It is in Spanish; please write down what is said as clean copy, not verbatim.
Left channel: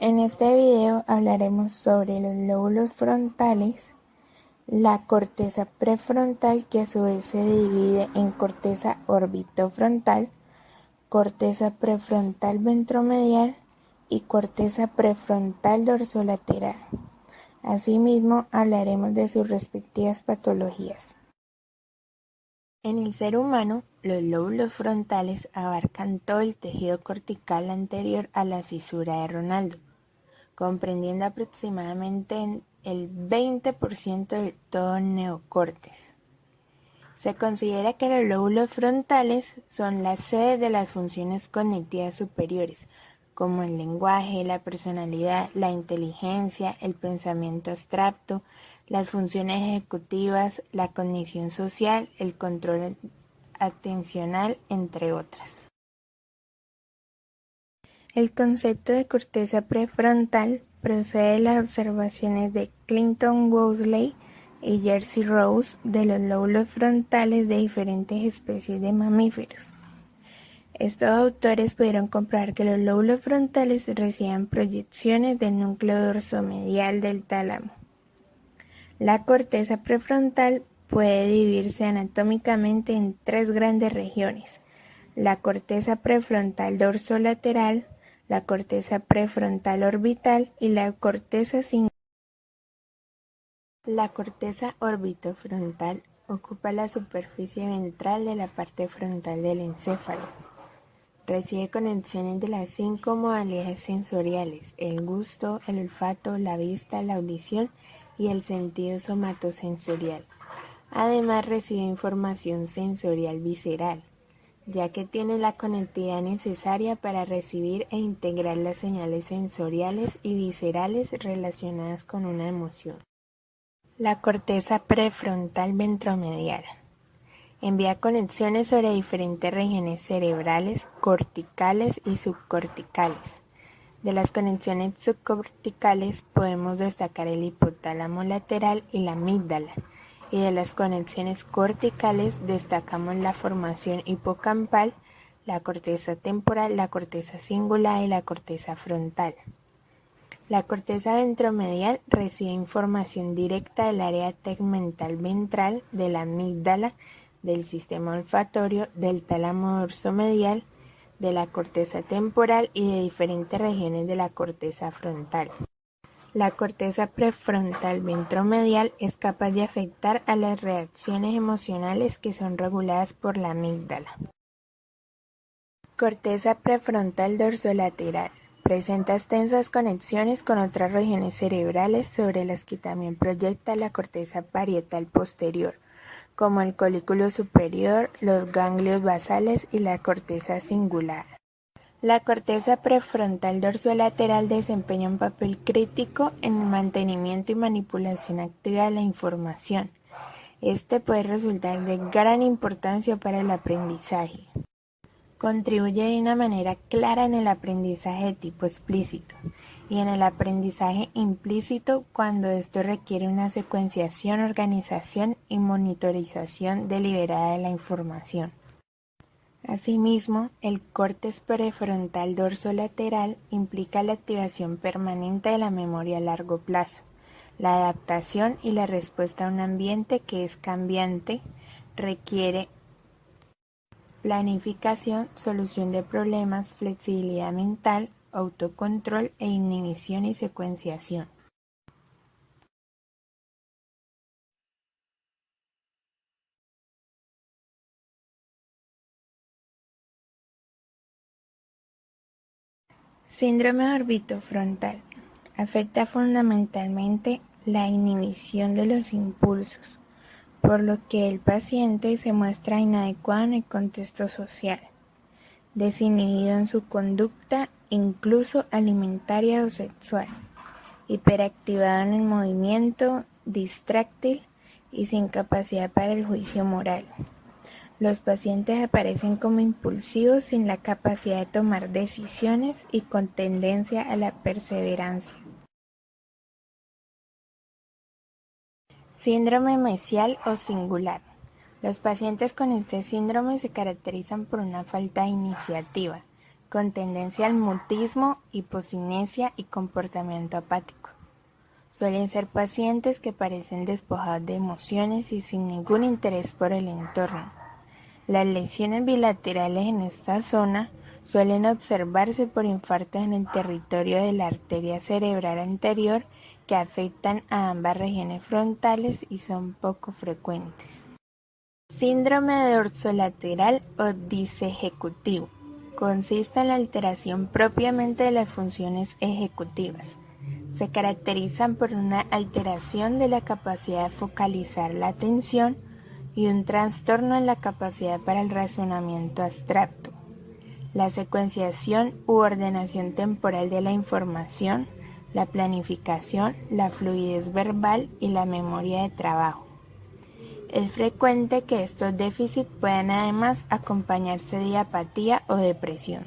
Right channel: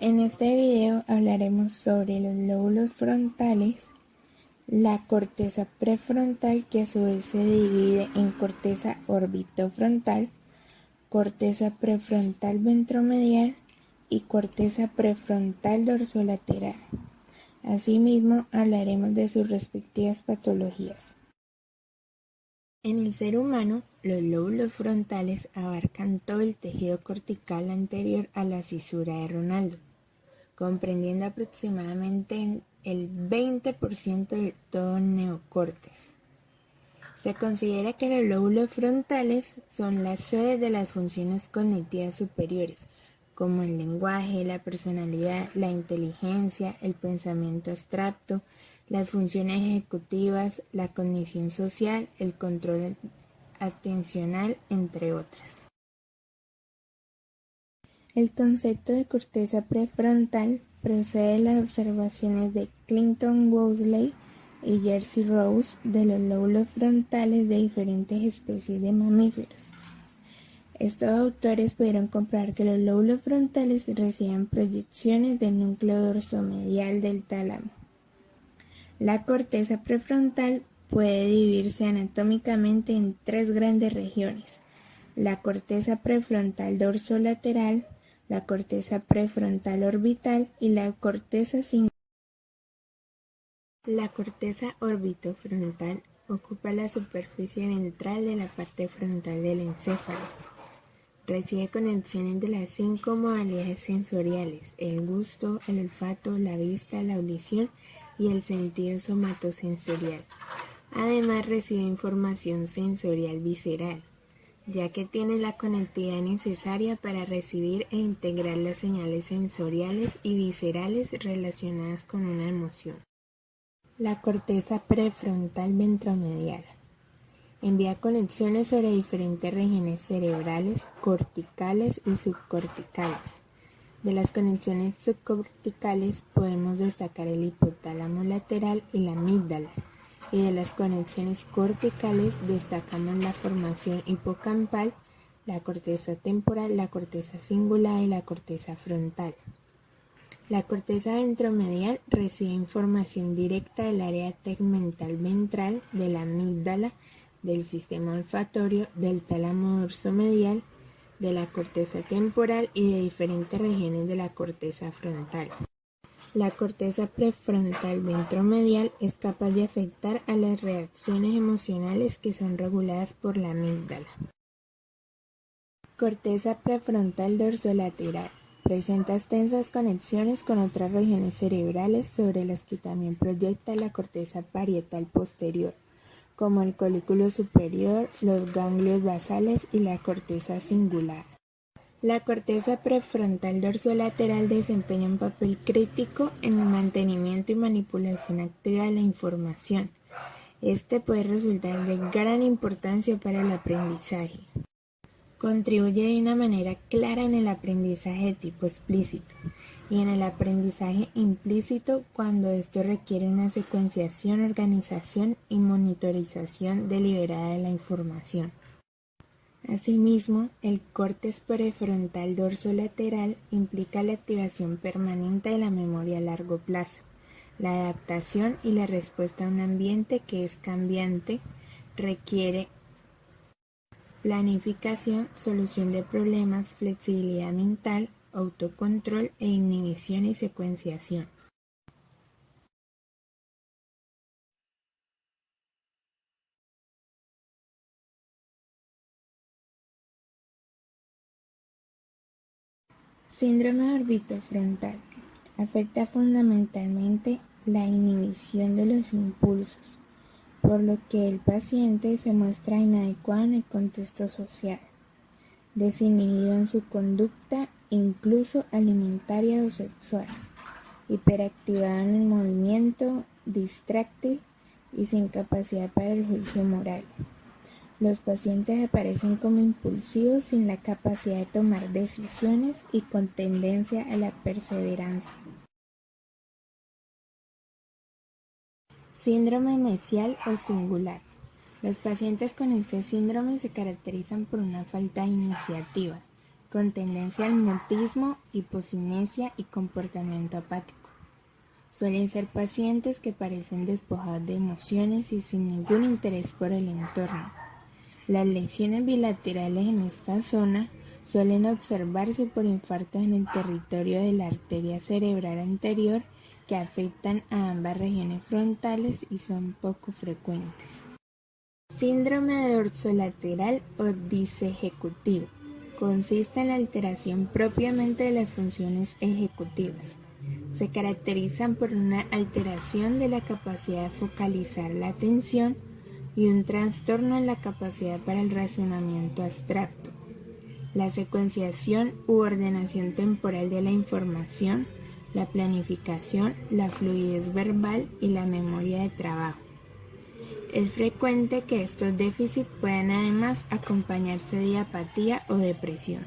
En este video hablaremos sobre los lóbulos frontales, la corteza prefrontal, que a su vez se divide en corteza orbitofrontal, corteza prefrontal ventromedial y corteza prefrontal dorsolateral. Asimismo, hablaremos de sus respectivas patologías. En el ser humano, los lóbulos frontales abarcan todo el tejido cortical anterior a la cisura de Ronaldo, comprendiendo aproximadamente el 20% de todo el neocórtex. Se considera que los lóbulos frontales son la sede de las funciones cognitivas superiores, como el lenguaje, la personalidad, la inteligencia, el pensamiento abstracto, las funciones ejecutivas, la cognición social, el control atencional, entre otras. El concepto de corteza prefrontal procede de las observaciones de Clinton Woosley y Jerzy Rose de los lóbulos frontales de diferentes especies de mamíferos. Estos autores pudieron comprobar que los lóbulos frontales reciben proyecciones del núcleo dorsomedial del tálamo. La corteza prefrontal puede dividirse anatómicamente en tres grandes regiones: la corteza prefrontal dorsolateral, la corteza prefrontal orbital y la corteza singular. La corteza orbitofrontal ocupa la superficie ventral de la parte frontal del encéfalo. Recibe conexiones de las 5 modalidades sensoriales: el gusto, el olfato, la vista, la audición y el sentido somatosensorial. Además, recibe información sensorial visceral, ya que tiene la conectividad necesaria para recibir e integrar las señales sensoriales y viscerales relacionadas con una emoción. La corteza prefrontal ventromedial envía conexiones sobre diferentes regiones cerebrales, corticales y subcorticales. De las conexiones subcorticales podemos destacar el hipotálamo lateral y la amígdala, y de las conexiones corticales destacamos la formación hipocampal, la corteza temporal, la corteza cingulada y la corteza frontal. La corteza ventromedial recibe información directa del área tegmental ventral, de la amígdala, del sistema olfatorio, del tálamo dorsomedial, de la corteza temporal y de diferentes regiones de la corteza frontal. La corteza prefrontal ventromedial es capaz de afectar a las reacciones emocionales que son reguladas por la amígdala. Corteza prefrontal dorsolateral. Presenta extensas conexiones con otras regiones cerebrales sobre las que también proyecta la corteza parietal posterior, como el colículo superior, los ganglios basales y la corteza cingulada. La corteza prefrontal dorsolateral desempeña un papel crítico en el mantenimiento y manipulación activa de la información. Este puede resultar de gran importancia para el aprendizaje. Contribuye de una manera clara en el aprendizaje de tipo explícito y en el aprendizaje implícito cuando esto requiere una secuenciación, organización y monitorización deliberada de la información. Asimismo, el córtex prefrontal dorsolateral implica la activación permanente de la memoria a largo plazo, la adaptación y la respuesta a un ambiente que es cambiante, requiere planificación, solución de problemas, flexibilidad mental, autocontrol e inhibición y secuenciación. Síndrome orbitofrontal. Afecta fundamentalmente la inhibición de los impulsos, por lo que el paciente se muestra inadecuado en el contexto social, desinhibido en su conducta, incluso alimentaria o sexual, hiperactivado en el movimiento, distráctil y sin capacidad para el juicio moral. Los pacientes aparecen como impulsivos, sin la capacidad de tomar decisiones y con tendencia a la perseverancia. Síndrome mesial o singular. Los pacientes con este síndrome se caracterizan por una falta de iniciativa, con tendencia al mutismo, hipocinesia y comportamiento apático. Suelen ser pacientes que parecen despojados de emociones y sin ningún interés por el entorno. Las lesiones bilaterales en esta zona suelen observarse por infartos en el territorio de la arteria cerebral anterior que afectan a ambas regiones frontales y son poco frecuentes. Síndrome dorsolateral o disejecutivo. Consiste en la alteración propiamente de las funciones ejecutivas. Se caracterizan por una alteración de la capacidad de focalizar la atención y un trastorno en la capacidad para el razonamiento abstracto, la secuenciación u ordenación temporal de la información, la planificación, la fluidez verbal y la memoria de trabajo. Es frecuente que estos déficits puedan además acompañarse de apatía o depresión.